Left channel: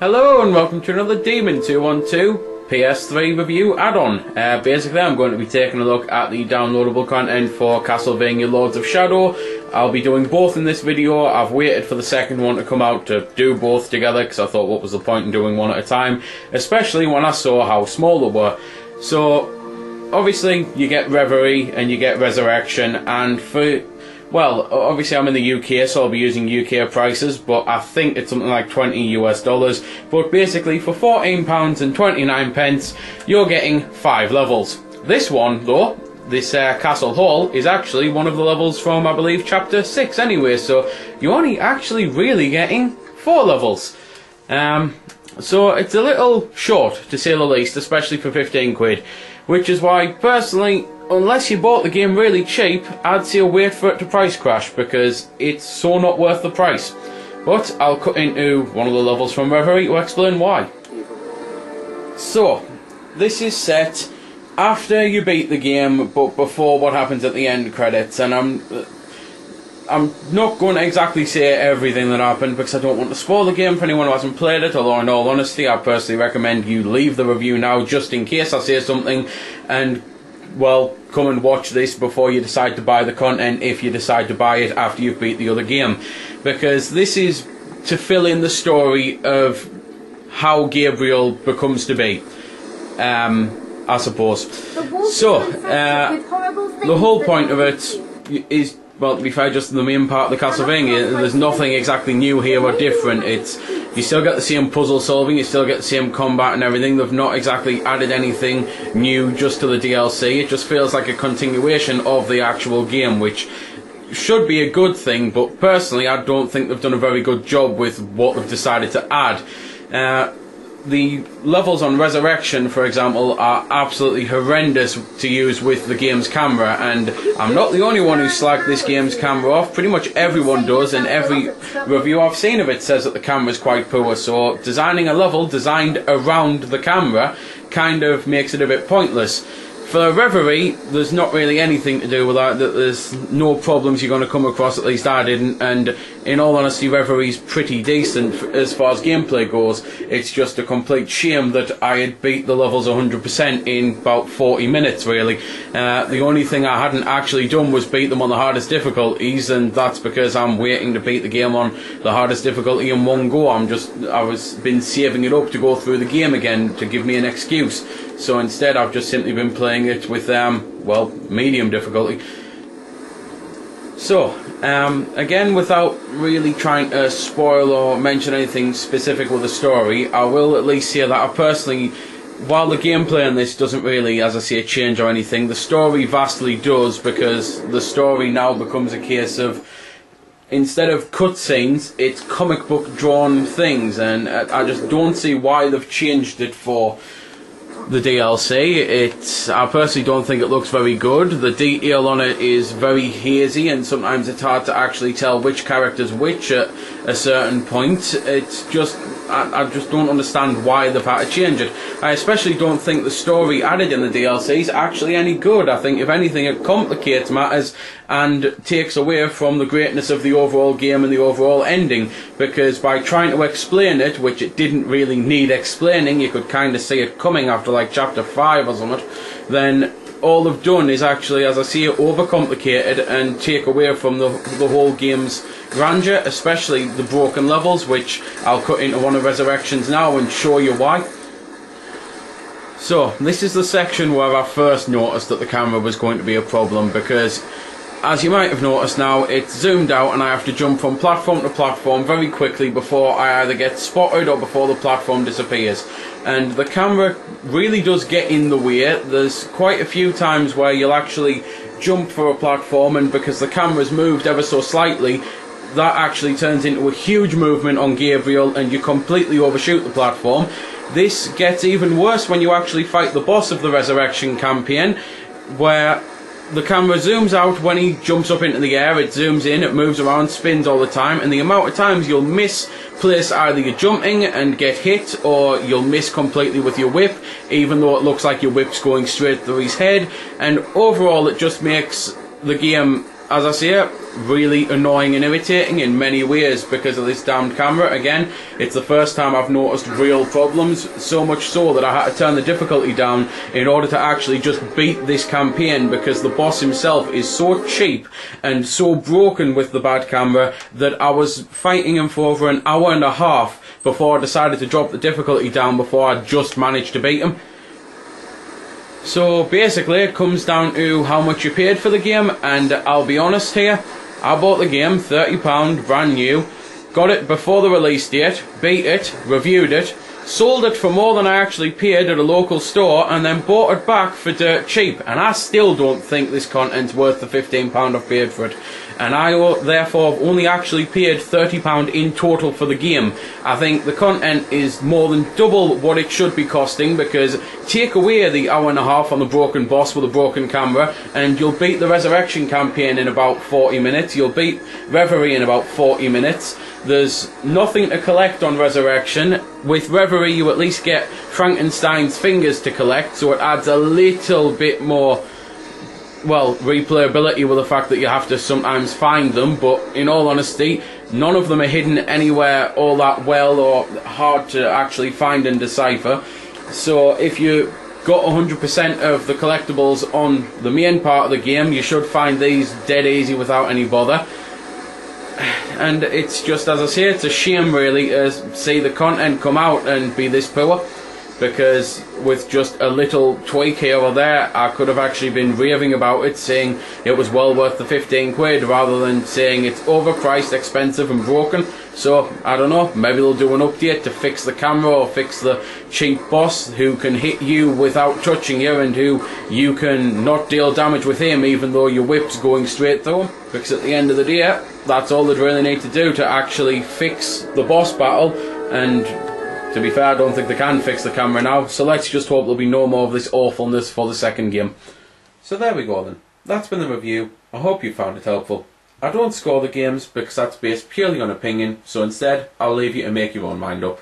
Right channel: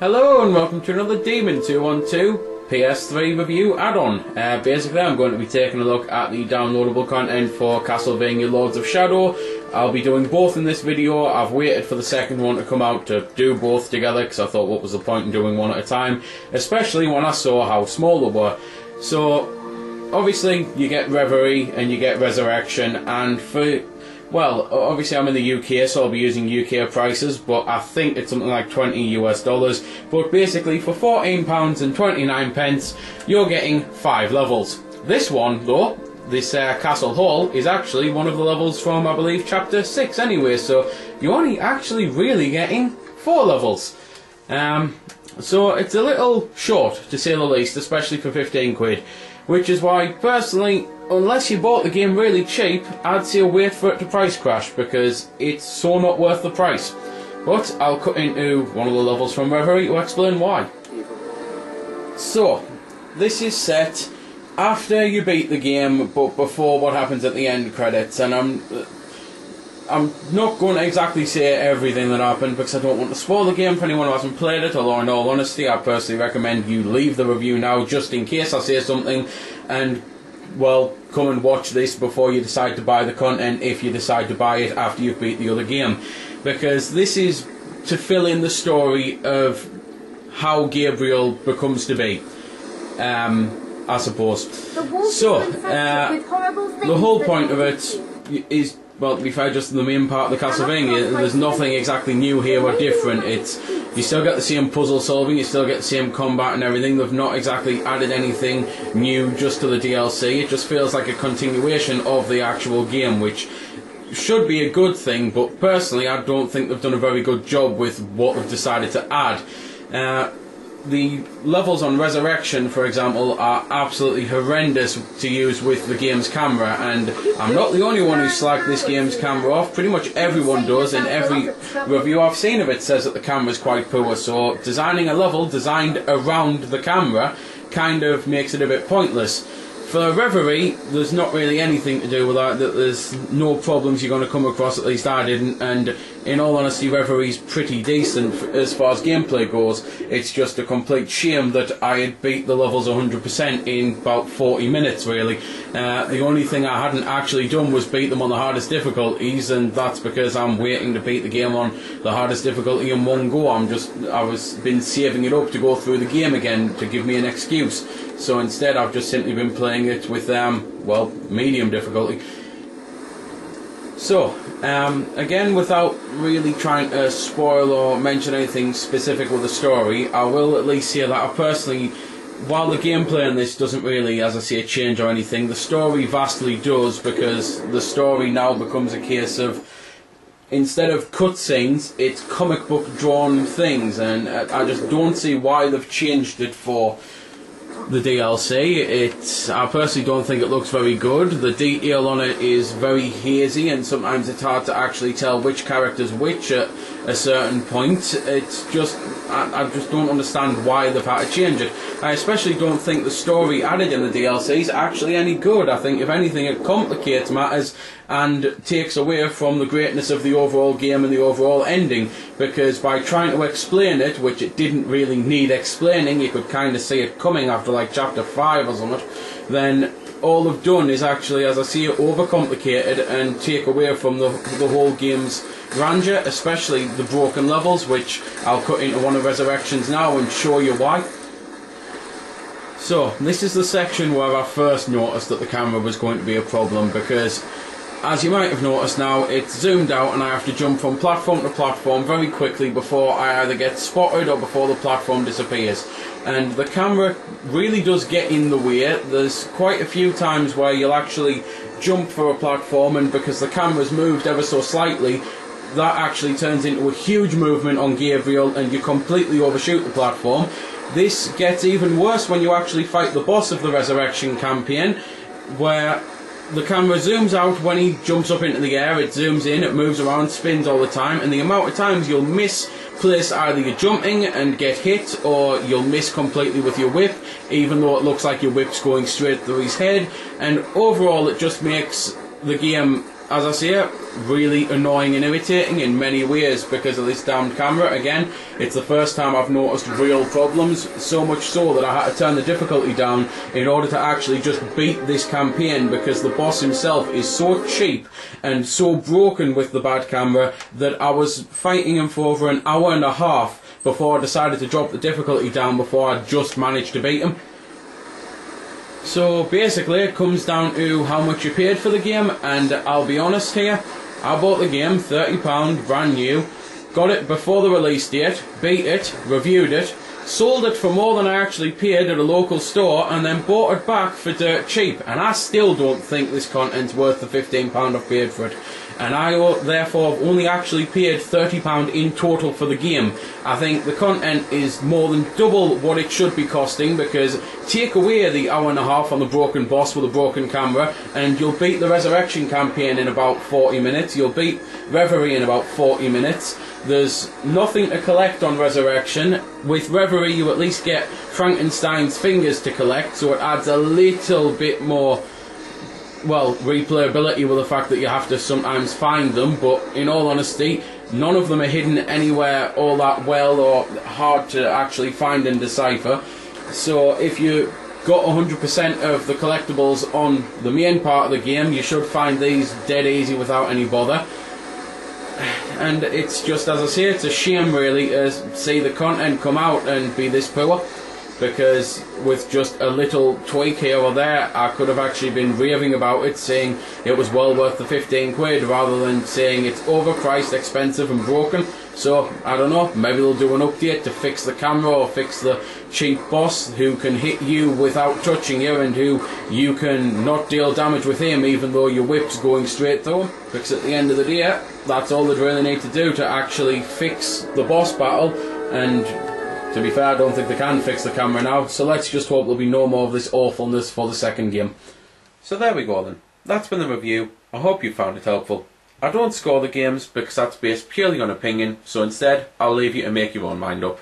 Hello and welcome to another Demon 212 PS3 review add-on. Basically I'm going to be taking a look at the downloadable content for Castlevania Lords of Shadow. I'll be doing both in this video. I've waited for the second one to come out to do both together because I thought what was the point in doing one at a time, especially when I saw how small they were. So obviously you get Reverie and you get Resurrection, and for, well, obviously I'm in the UK, so I'll be using UK prices, but I think it's something like $20 US. But basically, for £14.29, you're getting 5 levels. This one, though, this Castle Hall, is actually one of the levels from, I believe, Chapter 6 anyway, so you're only actually really getting 4 levels. So it's a little short, to say the least, especially for 15 quid. Which is why, personally, unless you bought the game really cheap, I'd say wait for it to price crash, because it's so not worth the price. But I'll cut into one of the levels from Reverie to explain why. So, this is set after you beat the game, but before what happens at the end credits, and I'm not going to exactly say everything that happened because I don't want to spoil the game for anyone who hasn't played it, although in all honesty I personally recommend you leave the review now just in case I say something, and, well, come and watch this before you decide to buy the content, if you decide to buy it after you've beat the other game, because this is to fill in the story of how Gabriel becomes to be, I suppose. So, the whole point of it is, well, to be fair, just the main part of the Castlevania, there's nothing exactly new here or different. You still get the same puzzle solving, you still get the same combat and everything. They've not exactly added anything new just to the DLC. It just feels like a continuation of the actual game, which should be a good thing, but personally I don't think they've done a very good job with what they've decided to add. The levels on Resurrection, for example, are absolutely horrendous to use with the game's camera, and I'm not the only one who slagged this game's camera off. Pretty much everyone does, and every review I've seen of it says that the camera's quite poor, so designing a level designed around the camera kind of makes it a bit pointless. For Reverie, there's not really anything to do with that. There's no problems you're going to come across, at least I didn't, and in all honesty Reverie's pretty decent as far as gameplay goes. It's just a complete shame that I had beat the levels 100% in about 40 minutes really. The only thing I hadn't actually done was beat them on the hardest difficulties, and that's because I'm waiting to beat the game on the hardest difficulty in one go. I was been saving it up to go through the game again to give me an excuse. So instead I've just simply been playing it with, well, medium difficulty. So, again, without really trying to spoil or mention anything specific with the story, I will at least say that I personally, while the gameplay in this doesn't really, as I say, change or anything, the story vastly does, because the story now becomes a case of, instead of cutscenes, it's comic book drawn things, and I just don't see why they've changed it for the DLC. I personally don't think it looks very good. The detail on it is very hazy, and sometimes it's hard to actually tell which character's which at a certain point. It's just, I just don't understand why they've had to change it. I especially don't think the story added in the DLC is actually any good. I think if anything it complicates matters and takes away from the greatness of the overall game and the overall ending, because by trying to explain it, which it didn't really need explaining, you could kind of see it coming after like chapter 5 or something, then all they've done is actually, as I see it, overcomplicated and take away from the whole game's grandeur, especially the broken levels, which I'll cut into one of Resurrections now and show you why. So, this is the section where I first noticed that the camera was going to be a problem, because as you might have noticed now, it's zoomed out and I have to jump from platform to platform very quickly before I either get spotted or before the platform disappears. And the camera really does get in the way. There's quite a few times where you'll actually jump for a platform, and because the camera's moved ever so slightly, that actually turns into a huge movement on Gabriel and you completely overshoot the platform. This gets even worse when you actually fight the boss of the Resurrection campaign, where the camera zooms out when he jumps up into the air, it zooms in, it moves around, spins all the time, and the amount of times you'll misplace either your jumping and get hit, or you'll miss completely with your whip, even though it looks like your whip's going straight through his head, and overall it just makes the game as I say, really annoying and irritating in many ways because of this damned camera. Again, it's the first time I've noticed real problems, so much so that I had to turn the difficulty down in order to actually just beat this campaign, because the boss himself is so cheap and so broken with the bad camera that I was fighting him for over an hour and a half before I decided to drop the difficulty down, before I just managed to beat him. So basically it comes down to how much you paid for the game, and I'll be honest here, I bought the game £30 brand new, got it before the release date, beat it, reviewed it, sold it for more than I actually paid at a local store, and then bought it back for dirt cheap, and I still don't think this content's worth the £15 I've paid for it. And I therefore have only actually paid £30 in total for the game. I think the content is more than double what it should be costing, because take away the hour and a half on the broken boss with a broken camera and you'll beat the Resurrection campaign in about 40 minutes, you'll beat Reverie in about 40 minutes. There's nothing to collect on Resurrection. With Reverie you at least get Frankenstein's fingers to collect, so it adds a little bit more, well, replayability with the fact that you have to sometimes find them, but in all honesty, none of them are hidden anywhere all that well or hard to actually find and decipher. So if you got 100% of the collectibles on the main part of the game, you should find these dead easy without any bother. And it's just, as I say, it's a shame really to see the content come out and be this poor, because with just a little tweak here or there, I could have actually been raving about it, saying it was well worth the 15 quid, rather than saying it's overpriced, expensive and broken. So, I don't know, maybe they'll do an update to fix the camera or fix the cheap boss who can hit you without touching you, and who you can not deal damage with him even though your whip's going straight through him. Because at the end of the day, that's all they really need to do to actually fix the boss battle, and to be fair, I don't think they can fix the camera now, so let's just hope there'll be no more of this awfulness for the second game. So there we go then. That's been the review. I hope you found it helpful. I don't score the games because that's based purely on opinion, so instead I'll leave you to make your own mind up.